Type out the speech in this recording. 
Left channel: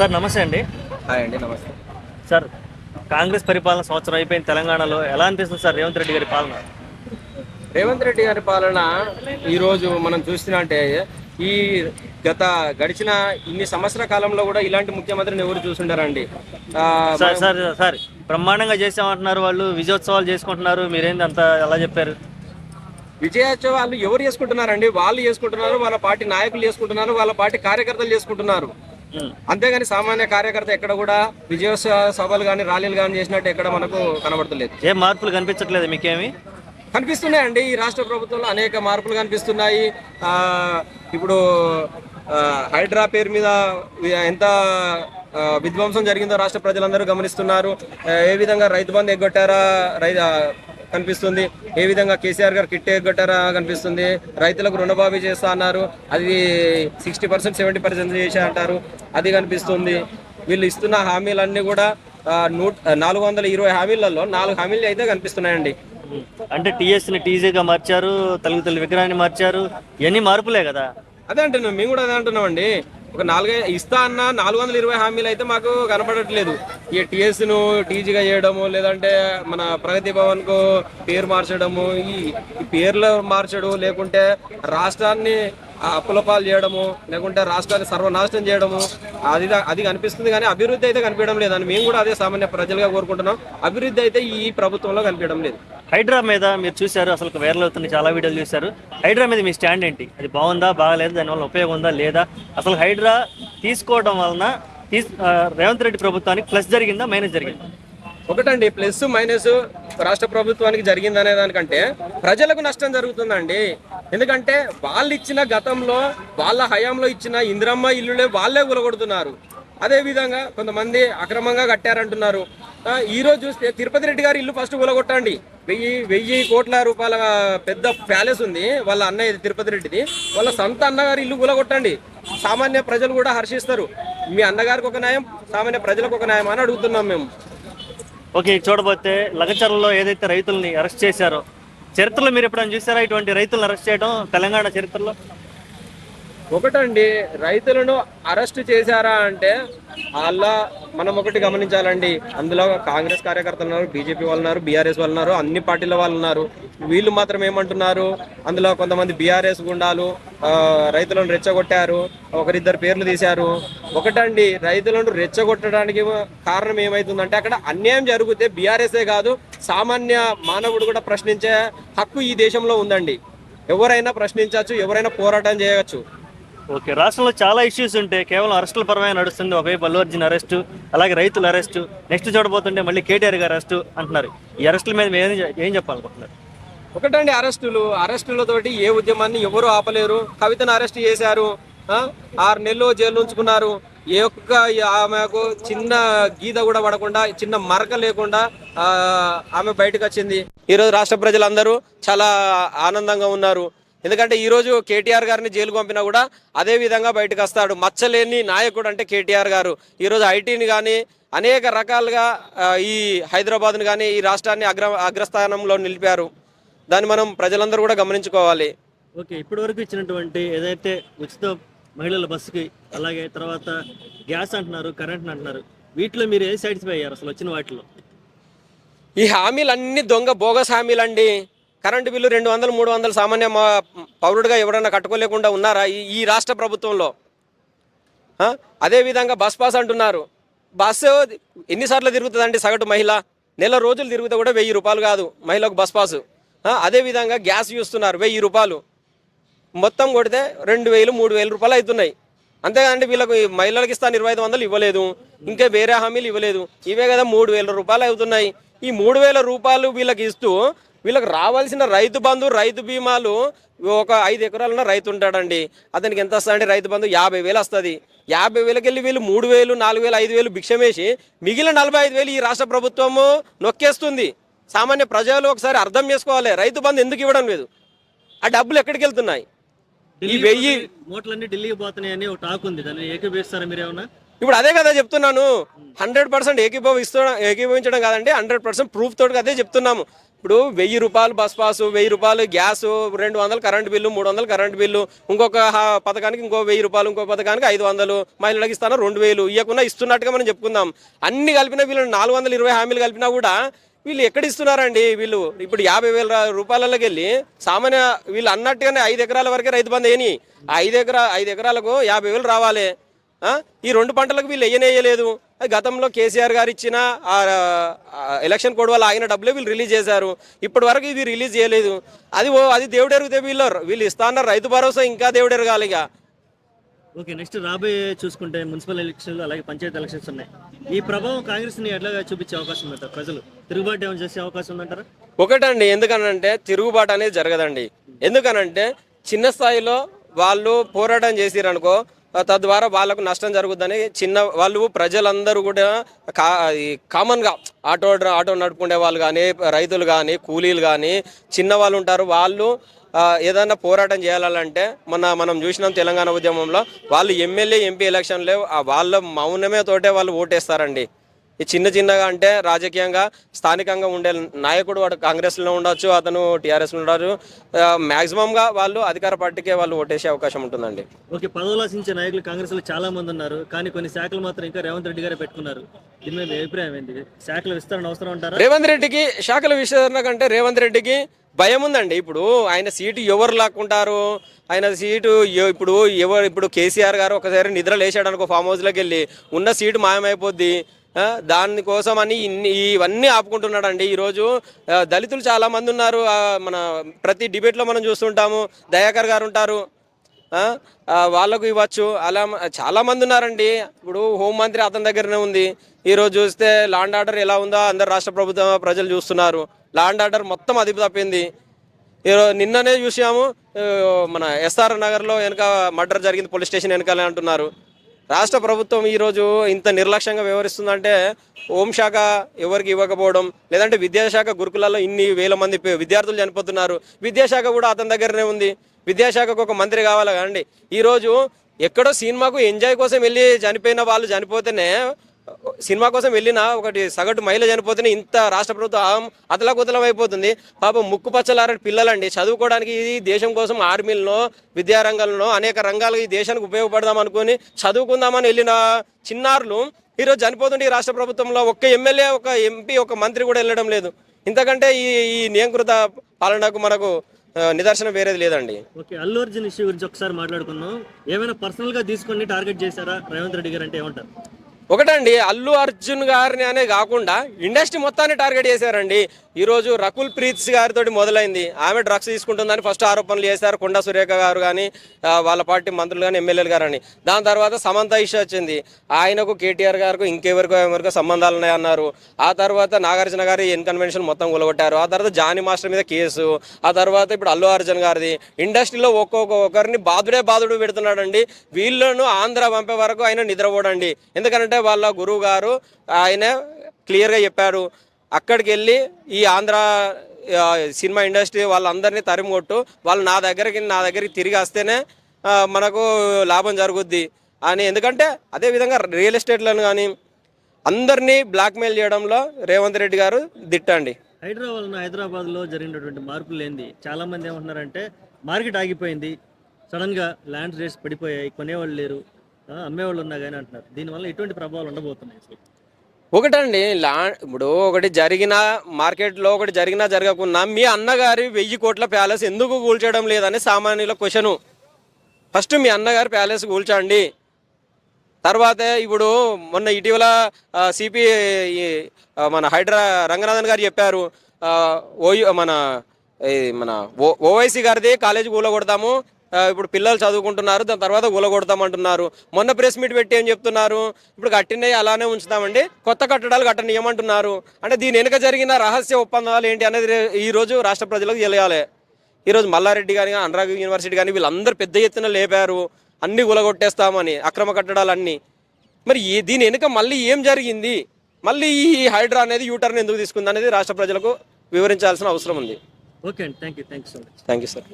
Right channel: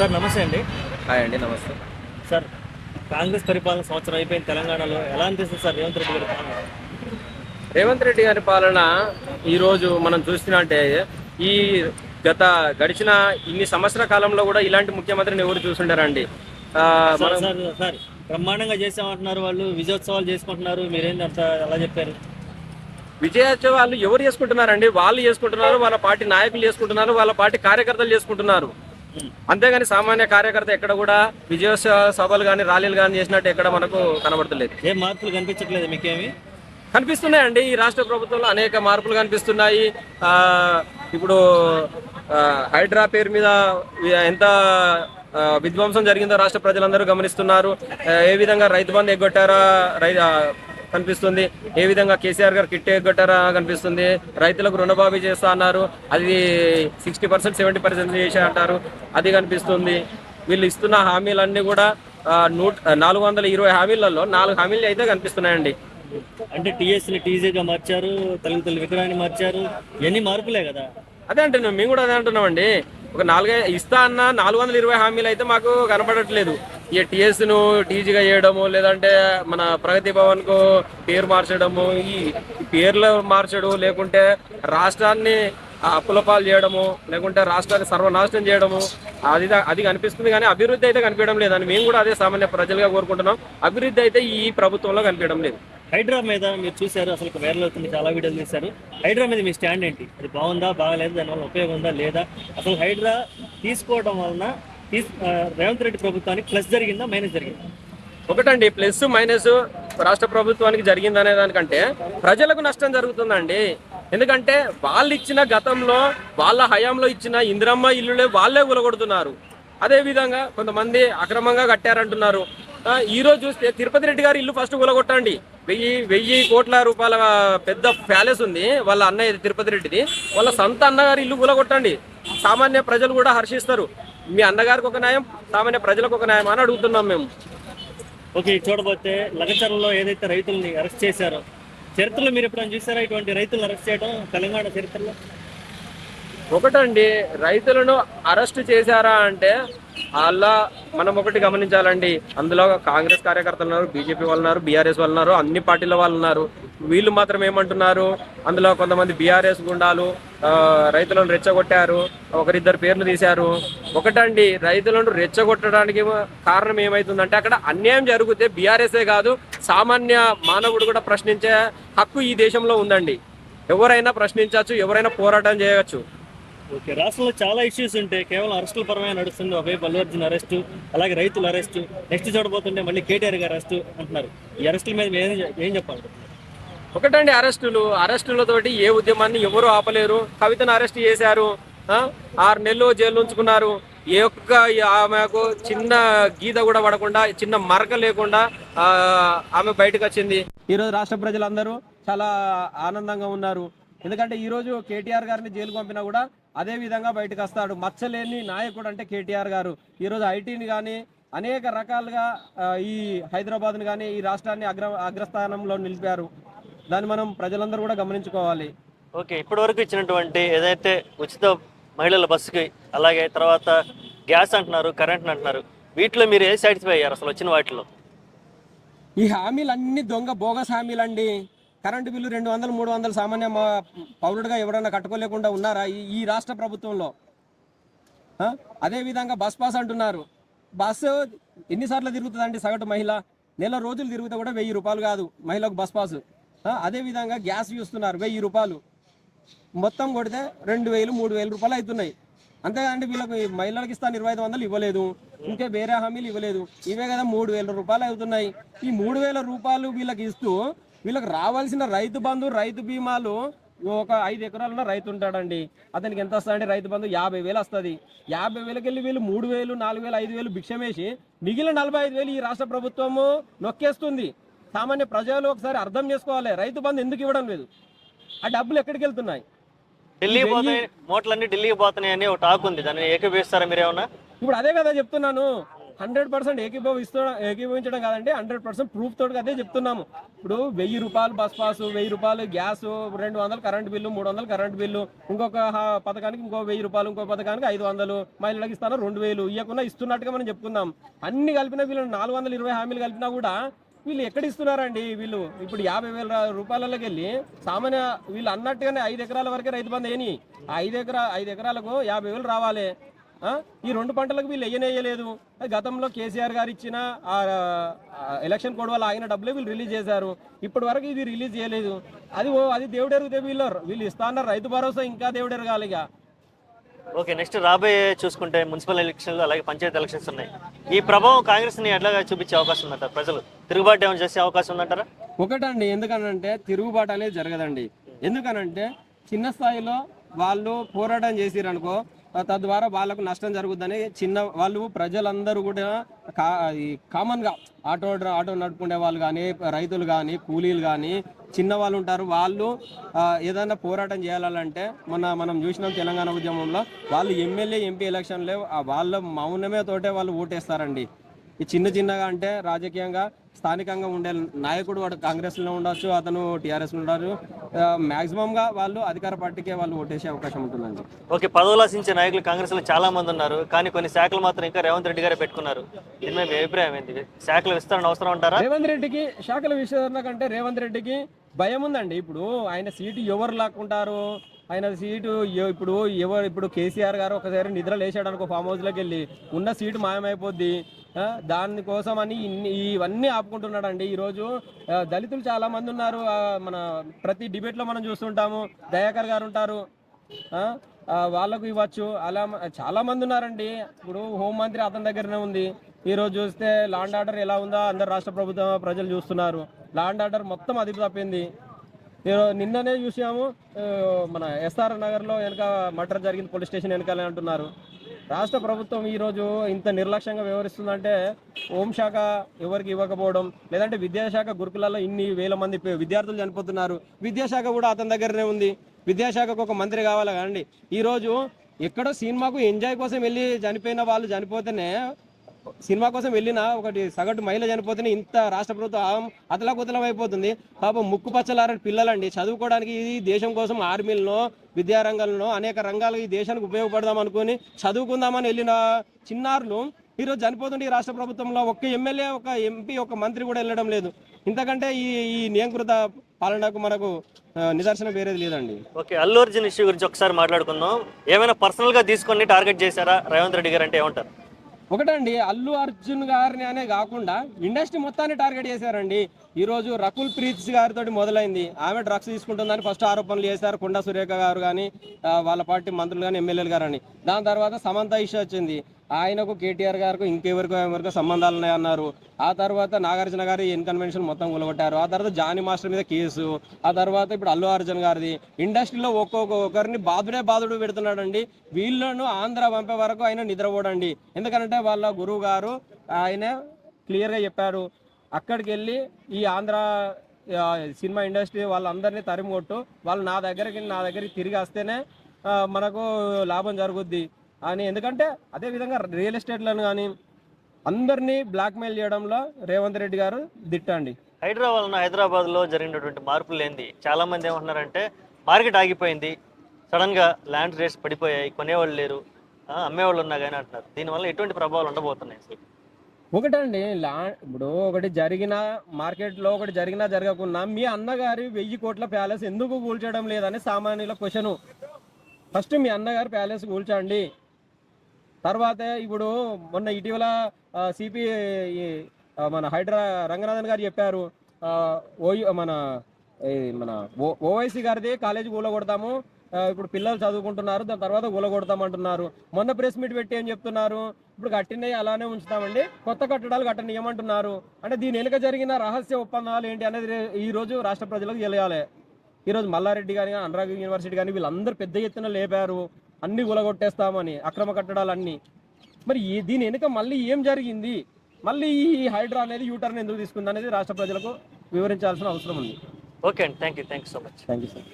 Sir నమస్తే అండి. Hi అండి, నమస్తే. సార్ కాంగ్రెస్ పరిపాలన సంవత్సరం అయిపోయిన తెలంగాణలో ఎలా అనిపిస్తుంది సార్ రేవంత్ రెడ్డి గారి పాలన? రేవంత్ రెడ్డి గారి పాలన ఈరోజు మనం చూస్తున్నట్టే ఈ గడిచిన ఇన్ని సంవత్సరాల కాలంలో కూడా ఇలాంటి ముఖ్యమంత్రిని ఎవరు చూసుంటారండి. సార్ సార్ సార్ బ్రహ్మాండంగా చేసామంటున్నారు, వాళ్ళు విజయోత్సవాలు చేసుకుంటున్నారు, మీరేంది అంత ఎలా చెప్పారు? విజయోత్సవాలు ఎవరు చేసుకుంటున్నారండి? వాళ్ళు చేసుకుంటున్నారు, వాళ్ళ పార్టీ నాయకులు చేసుకుంటున్నారు, వాళ్ళ పార్టీ కార్యకర్తలు చేసుకుంటున్నారు. అంతేగాని సామాన్య కార్యకర్త ఎక్కడ కూడా విజయోత్సవ సభలు కానీ ర్యాలీలు కానీ చేసినట్టు ఎక్కడ మనకు కనబడతలేదు. ఏం మార్పులు కనిపించట్లేదు మీకేమి? కనిపిస్తున్నాయండి. ఈ రాష్ట్ర ప్రభుత్వంలో అనేక మార్పులు కనిపిస్తున్నాయి. ఇప్పుడు హైడ్రా పేరు మీద ఎంత విధ్వంసం జరిగిందో రాష్ట్ర ప్రజలందరూ గమనిస్తున్నారు. ఏ విధంగా రైతు బంధు ఎగ్గొట్టారా కనిపిస్తుంది, ఏ విధంగా కేసీఆర్ గారు కిట్ ఎగ్గొట్టారా కనిపిస్తుంది. రైతులకు రుణమాఫీ చేస్తా అన్నారు, అది 60% 70% చేసా అంటారు, అది కనిపిస్తుంది. వీళ్ళు ఇస్తున్న హామీలన్నీ కూడా 420 హామీలలో 4 హామీలు అయితే కనిపిస్తున్నాయండి. అంటే టీఎస్ని టీజీగా మార్చారు, తల్లి విగ్రహాన్ని మార్చారు, ఇవన్నీ మార్పులే కదా. అదే అంటున్నాం, మేము కూడా అదే అంటున్నామండి. ఒక 4 ఇస్తా అన్న 420 హామీలు అయితే మాకు కనపడట్లేదు. ఈ టీఎస్ను టీజీగా చేయడము, లేదంటే మన ప్రగతి భవన్కు పేరు మార్చడము, ఈ పేర్లు మార్చడం, లేకుంటే రాష్ట్రాన్ని అప్పులపాలు చేయడము, లేకుంటే రాష్ట్రాన్ని సర్వనాశనం చేయడము, అది కనిపిస్తుంది. కానీ అభివృద్ధి అయితే కనిపించడం లేదని మేము కూడా అదే సామాన్య ప్రజలుగా కోరుకుంటున్నాం. అభివృద్ధి అయితే ఈ ప్రభుత్వంలో కనిపించడం లేదు. హైడ్రా మీద మీరు చూశారు, అసలు వైరల్ అవుతుంది, చాలా వీడియోలు చూశారు. హైడ్రా మీద మీ స్టాండ్ ఏంటి? అది బాగుందా, బాగాలేదు, దానివల్ల ఉపయోగం ఉందా లేదా? అసలు హైడ్రా తీసుకోవడం వలన రేవంత్ రెడ్డి ప్రభుత్వానికి ప్లస్ జరిగిందా, మైనస్ జరిగిందా? ఒకటండి, ప్లస్ మైనస్ రాష్ట్ర ప్రభుత్వానికి జరిగిందనే దానికంటే ప్రజలకు నష్టం జరుగుతుందండి. ఎందుకంటే వాళ్ళు ఇచ్చిన గతంలో వాళ్ళ హయాంలో ఇచ్చిన ఇందిరమ్మ ఇల్లులే వాళ్ళే కూలగొడుతున్నారు. అదేవిధంగా కొంతమంది అక్రమంగా కట్టారంటున్నారు. ఈరోజు చూస్తే తిరుపతి రెడ్డి గారి ఇల్లు ఫస్ట్ కూలగొట్టండి. 1000 కోట్ల రూపాయల పెద్ద ప్యాలెస్ ఉంది వాళ్ళ అన్నయ్య తిరుపతి రెడ్డిది, వాళ్ళ సొంత అన్నగారి ఇల్లు కూలగొట్టండి. సామాన్య ప్రజలు కూడా హర్షిస్తారు. మీ అన్నగారికి ఒక న్యాయం, సామాన్య ప్రజలకు ఒక న్యాయం అని అడుగుతున్నాం మేము. ఓకే, చూడబోతే లగచర్లలో ఏదైతే రైతుల్ని అరెస్ట్ చేశారో, చరిత్రలో మీరు ఎప్పుడైనా చూసారా ఇటువంటి రైతులను అరెస్ట్ చేయడం తెలంగాణ చరిత్రలో? ఒకటండి, రైతులను అరెస్ట్ చేశారా అంటే అలా మనం ఒకటి గమనించాలండి. అందులో కాంగ్రెస్ కార్యకర్తలు ఉన్నారు, బీజేపీ వాళ్ళు ఉన్నారు, బీఆర్ఎస్ వాళ్ళు ఉన్నారు, అన్ని పార్టీల వాళ్ళు ఉన్నారు. వీళ్ళు మాత్రం ఏమంటున్నారు, అందులో కొంతమంది బీఆర్ఎస్ గుండాలు రైతులను రెచ్చగొట్టారు, ఒకరిద్దరు పేర్లు తీశారు. ఒకటండి, రైతులను రెచ్చగొట్టడానికి కారణం ఏమైతుందంటే అక్కడ అన్యాయం జరిగితే బీఆర్ఎస్ఏ కాదు, సామాన్య మానవుడు కూడా ప్రశ్నించే హక్కు ఈ దేశంలో ఉందండి. ఎవరైనా ప్రశ్నించవచ్చు, ఎవరైనా పోరాటం చేయవచ్చు. ఓకే, రాష్ట్రంలో చాలా ఇష్యూస్ ఉంటాయి, కేవలం అరెస్టుల పరమైన నడుస్తుంది. ఒకవైపు అల్లు అర్జున్ అరెస్టు, అలాగే రైతుల అరెస్టు, నెక్స్ట్ చూడబోతుంటే మళ్ళీ కేటీఆర్ గారు అరెస్టు అంటున్నారు. ఈ అరెస్టుల మీద ఏం చెప్పాలనుకుంటున్నారు? ఒకటండి, అరెస్టులతోటి ఏ ఉద్యమాన్ని ఎవరు ఆపలేరు. కవితను అరెస్ట్ చేశారు, 6 నెలలు జైలు ఉంచుకున్నారు. ఏ ఒక్క ఆమెకు చిన్న గీత కూడా పడకుండా, చిన్న మరక లేకుండా ఆమె బయటకు వచ్చింది. ఈరోజు రాష్ట్ర ప్రజలందరూ చాలా ఆనందంగా ఉన్నారు. ఎందుకంటే ఈరోజు కేటీఆర్ గారిని జైలు పంపినా కూడా అదే విధంగా బయటకు వస్తాడు. మచ్చలేని నాయకుడు అంటే కేటీఆర్ గారు. ఈరోజు ఐటీని కానీ అనేక రకాలుగా ఈ హైదరాబాద్ని కానీ ఈ రాష్ట్రాన్ని అగ్రస్థానంలో నిలిపారు. దాన్ని మనం ప్రజలందరూ కూడా గమనించుకోవాలి. ఓకే, ఇప్పటి వరకు ఇచ్చినటువంటి ఏదైతే ఉచిత మహిళల బస్సుకి, అలాగే తర్వాత గ్యాస్ అంటున్నారు, కరెంట్ అంటున్నారు, వీటిలో మీరు ఏ సాటిస్ఫై అయ్యారు అసలు వచ్చిన వాటిలో? ఈ హామీలన్నీ దొంగ బోగస్ హామీలండి. కరెంటు బిల్లు 200, 300 సామాన్య పౌరుడిగా ఎవరైనా కట్టుకోలేకుండా ఉన్నారా ఈ రాష్ట్ర ప్రభుత్వంలో? అదేవిధంగా బస్ పాస్ అంటున్నారు. బస్సు ఎన్నిసార్లు తిరుగుతుందండి సగటు మహిళ? నెల రోజులు తిరుగుతా కూడా 1000 రూపాయలు కాదు మహిళకు బస్ పాసు. అదేవిధంగా గ్యాస్ చూస్తున్నారు, 1000 రూపాయలు మొత్తం కొడితే 2000, 3000 రూపాయలు అవుతున్నాయి. అంతేకాదండి, వీళ్ళకు మహిళలకు ఇస్తాను 2500 ఇవ్వలేదు, ఇంకా వేరే హామీలు ఇవ్వలేదు. ఇవే కదా 3000 రూపాయలు అవుతున్నాయి. ఈ 3000 రూపాయలు వీళ్ళకి ఇస్తూ వీళ్ళకి రావాల్సిన రైతు బంధు, రైతు బీమాలు, ఒక 5 ఎకరాలున్న రైతు ఉంటాడండి, అతనికి ఎంత వస్తుందండి రైతు బంధు? 50,000 వస్తుంది. 50,000కి వెళ్ళి వీళ్ళు 3,000, 4,000, 5,000 భిక్షమేసి మిగిలిన 45,000 ఈ రాష్ట్ర ప్రభుత్వము నొక్కేస్తుంది. సామాన్య ప్రజలు ఒకసారి అర్థం చేసుకోవాలి, రైతు బంధు ఎందుకు ఇవ్వడం లేదు, ఆ డబ్బులు ఎక్కడికి వెళ్తున్నాయి? మోట్లన్నీ ఢిల్లీకి పోతున్నాయని ఒక టాక్ ఉంది, దాన్ని ఏకీభవిస్తారా మీరేమన్నా? ఇప్పుడు అదే కదా చెప్తున్నాను. 100% ఏకీభవించడం కాదండి, 100% ప్రూఫ్ తోటి అదే చెప్తున్నాము. ఇప్పుడు 1000 రూపాయలు బస్ పాసు, 1000 రూపాయలు gas, 200 current bill, 300 current bill, ఇంకొక పథకానికి ఇంకో 1000 రూపాయలు, ఇంకో పథకానికి 500, మహిళలకు ఇస్తాను 2000 ఇవ్వకుండా ఇస్తున్నట్టుగా మనం చెప్పుకుందాం. అన్ని కలిపినా వీళ్ళు 420 హామీలు కలిపినా కూడా వీళ్ళు ఎక్కడ ఇస్తున్నారండి? వీళ్ళు ఇప్పుడు 50,000 రూపాయలకి వెళ్ళి సామాన్య వీళ్ళు అన్నట్టుగానే 5 ఎకరాల వరకే రైతు బంధు వేయని, 5 ఎకరాలకు 50,000 రావాలి. ఈ 2 పంటలకు వీళ్ళు వేయలేదు. గతంలో కేసీఆర్ గారు ఇచ్చిన ఎలక్షన్ కోడ్ వల్ల ఆయన డబ్బులే వీళ్ళు రిలీజ్ చేశారు. ఇప్పటి వరకు ఇది రిలీజ్ చేయలేదు. అది దేవుడు ఎరుగుతే వీళ్ళు ఇస్తా అన్నారు. రైతు భరోసా ఇంకా దేవుడు ఎరగాలి. ఇక ఓకే, నెక్స్ట్ రాబోయే చూసుకుంటే మున్సిపల్ ఎలక్షన్లు అలాగే పంచాయతీ ఎలక్షన్స్ ఉన్నాయి. ఈ ప్రభావం కాంగ్రెస్ని ఎట్లాగా చూపించే అవకాశం ఉందంటారు? ప్రజలు తిరుగుబాటు ఏమైనా చేసే అవకాశం ఉందంటారా? ఒకటండి, ఎందుకనంటే తిరుగుబాటు అనేది జరగదండి. ఎందుకనంటే చిన్న స్థాయిలో వాళ్ళు పోరాటం చేసిరనుకో, తద్వారా వాళ్ళకు నష్టం జరుగుద్దని వాళ్ళు ప్రజలందరూ కూడా కామన్గా ఆటో నడుపుకునే వాళ్ళు కానీ, రైతులు కానీ, కూలీలు కానీ, చిన్న వాళ్ళు ఉంటారు. వాళ్ళు ఏదైనా పోరాటం చేయాలంటే మనం చూసినాం తెలంగాణ ఉద్యమంలో వాళ్ళు ఎమ్మెల్యే ఎంపీ ఎలక్షన్లో వాళ్ళ మౌనమే తోటే వాళ్ళు ఓటేస్తారండి. ఈ చిన్నగా అంటే రాజకీయంగా స్థానికంగా ఉండే నాయకుడు వాడు కాంగ్రెస్లో ఉండొచ్చు, అతను టీఆర్ఎస్లో ఉండొచ్చు, మ్యాక్సిమంగా వాళ్ళు అధికార పార్టీకే వాళ్ళు ఓటేసే అవకాశం ఉంటుందండి. ఓకే, పదవులు ఆశించే నాయకులు కాంగ్రెస్లో చాలా మంది ఉన్నారు, కానీ కొన్ని శాఖలు మాత్రం ఇంకా రేవంత్ రెడ్డి గారే పెట్టుకున్నారు. దీని మీద మీ అభిప్రాయం ఏంటి? శాఖల విస్తరణ అవసరం అంటారా? రేవంత్ రెడ్డికి శాఖల విస్తరణ కంటే రేవంత్ రెడ్డికి భయం ఉందండి. ఇప్పుడు ఆయన సీటు ఎవరు లాక్కుంటారు? ఆయన సీటు ఇప్పుడు కేసీఆర్ గారు ఒకసారి నిద్ర లేచాడు అనుకో, ఫామ్ హౌస్లోకి వెళ్ళి ఉన్న సీటు మాయమైపోద్ది. దానికోసం అని ఇవన్నీ ఆపుకుంటున్నాడండి. ఈరోజు దళితులు చాలా మంది ఉన్నారు. మన ప్రతి డిబేట్లో మనం చూస్తుంటాము. దయాకర్ గారు ఉంటారు, వాళ్ళకు ఇవ్వచ్చు. అలా చాలా మంది ఉన్నారండి. ఇప్పుడు హోంమంత్రి అతని దగ్గరనే ఉంది. ఈరోజు చూస్తే లా అండ్ ఆర్డర్ ఎలా ఉందో అందరు రాష్ట్ర ప్రభుత్వం ప్రజలు చూస్తున్నారు. లా అండ్ ఆర్డర్ మొత్తం అదుపు తప్పింది. నిన్ననే చూసాము, మన ఎస్ఆర్ నగర్లో వెనక మర్డర్ జరిగింది, పోలీస్ స్టేషన్ వెనకాలే అంటున్నారు. రాష్ట్ర ప్రభుత్వం ఈరోజు ఇంత నిర్లక్ష్యంగా వ్యవహరిస్తుందంటే హోంశాఖ ఎవరికి ఇవ్వకపోవడం, లేదంటే విద్యాశాఖ గురుకులాల్లో ఇన్ని వేల మంది విద్యార్థులు చనిపోతున్నారు. విద్యాశాఖ కూడా అతని దగ్గరనే ఉంది. విద్యాశాఖకు ఒక మంత్రి కావాలి కదండి. ఈరోజు ఎక్కడో సినిమాకు ఎంజాయ్ కోసం వెళ్ళి చనిపోయిన వాళ్ళు చనిపోతేనే, సినిమా కోసం వెళ్ళిన ఒకటి సగటు మహిళ చనిపోతేనే ఇంత రాష్ట్ర ప్రభుత్వం అతలాకుతలం అయిపోతుంది. పాపం ముక్కు పచ్చలారని పిల్లలండి చదువుకోవడానికి ఈ దేశం కోసం ఆర్మీలను, విద్యారంగంలో అనేక రంగాలు ఈ దేశానికి ఉపయోగపడదాం అనుకుని చదువుకుందామని వెళ్ళిన చిన్నారులు ఈరోజు చనిపోతుంటే ఈ రాష్ట్ర ప్రభుత్వంలో ఒక్క ఎమ్మెల్యే, ఒక ఎంపీ, ఒక మంత్రి కూడా వెళ్ళడం లేదు. ఇంతకంటే ఈ నియంకృత పాలనకు మనకు నిదర్శనం వేరేది లేదండి. ఓకే, అల్లు అర్జున్ ఇష్యూ గురించి ఒకసారి మాట్లాడుకుందాం. ఏమైనా పర్సనల్గా తీసుకొని టార్గెట్ చేశారా రేవంత్ రెడ్డి గారు అంటే ఏమంటారు? ఒకటండి, అల్లు అర్జున్ గారిని అనే కాకుండా ఇండస్ట్రీ మొత్తాన్ని టార్గెట్ చేశారండి. ఈరోజు రకుల్ ప్రీత్ గారితో మొదలైంది. ఆమె డ్రగ్స్ తీసుకుంటుందని ఫస్ట్ ఆరోపణలు చేశారు కొండా సురేఖ గారు కానీ, వాళ్ళ పార్టీ మంత్రులు కానీ, ఎమ్మెల్యేలు గారు అని. దాని తర్వాత సమంత ఇష్యూ వచ్చింది. ఆయనకు కేటీఆర్ గారికి ఎవరికో సంబంధాలు ఉన్నాయన్నారు. ఆ తర్వాత నాగార్జున గారి కన్వెన్షన్ మొత్తం కూలగొట్టారు. ఆ తర్వాత జానీ మాస్టర్ మీద కేసు. ఆ తర్వాత ఇప్పుడు అల్లు అర్జున్ గారిది. ఇండస్ట్రీలో ఒక్కొక్కరిని బాధుడు పెడుతున్నాడండి. వీళ్ళను ఆంధ్ర పంపే వరకు ఆయన నిద్రపోడండి. ఎందుకంటే వాళ్ళ గురువు గారు ఆయన క్లియర్గా చెప్పారు, అక్కడికి వెళ్ళి ఈ ఆంధ్ర సినిమా ఇండస్ట్రీ వాళ్ళందరినీ తరిమి కొట్టు, వాళ్ళు నా దగ్గరికి తిరిగి వస్తేనే మనకు లాభం జరుగుద్ది అని. ఎందుకంటే అదేవిధంగా రియల్ ఎస్టేట్లను కానీ అందరినీ బ్లాక్మెయిల్ చేయడంలో రేవంత్ రెడ్డి గారు దిట్టండి. హైదరాబాద్లో జరిగినటువంటి మార్పులు ఏంది? చాలామంది ఏమంటున్నారంటే మార్కెట్ ఆగిపోయింది, సడన్గా ల్యాండ్ రేట్స్ పడిపోయాయి, కొనేవాళ్ళు లేరు, అమ్మేవాళ్ళు ఉన్నా కానీ అంటున్నారు. దీనివల్ల ఎటువంటి ప్రభావాలు ఉండబోతున్నాయి? ఒకటండి, ఇప్పుడు ఒకటి జరిగిన మార్కెట్లో ఒకటి జరిగినా జరగకున్నా మీ అన్నగారి 1000 కోట్ల ప్యాలెస్ ఎందుకు కూల్చడం లేదని సామాన్యుల క్వశ్చను. ఫస్ట్ మీ అన్నగారి ప్యాలెస్ కూల్చండి. తర్వాత ఇప్పుడు మొన్న ఇటీవల సిపి మన హైడ్రా రంగనాథన్ గారు చెప్పారు, మన ఓవైసీ గారిది కాలేజీ కూలగొడతాము, ఇప్పుడు పిల్లలు చదువుకుంటున్నారు, దాని తర్వాత కూలగొడతామంటున్నారు. మొన్న ప్రెస్ మీట్ పెట్టి ఏం చెప్తున్నారు, ఇప్పుడు కట్టినవి అలానే ఉంచుతామండి, కొత్త కట్టడాలు కట్టనియమంటున్నారు. అంటే దీని వెనుక జరిగిన రహస్య ఒప్పందాలు ఏంటి అనేది ఈరోజు రాష్ట్ర ప్రజలకు తెలియాలి. ఈరోజు మల్లారెడ్డి కానీ, అనురాగ్ యూనివర్సిటీ కానీ వీళ్ళందరూ పెద్ద ఎత్తున లేపారు అన్నీ కూలగొట్టేస్తామని, అక్రమ కట్టడాలన్నీ. మరి దీని వెనుక మళ్ళీ ఏం జరిగింది, మళ్ళీ ఈ హైడ్రా అనేది యూటర్న్ ఎందుకు తీసుకుంది అనేది రాష్ట్ర ప్రజలకు వివరించాల్సిన అవసరం ఉంది. ఓకే అండి, thank you so much. Thank you sir.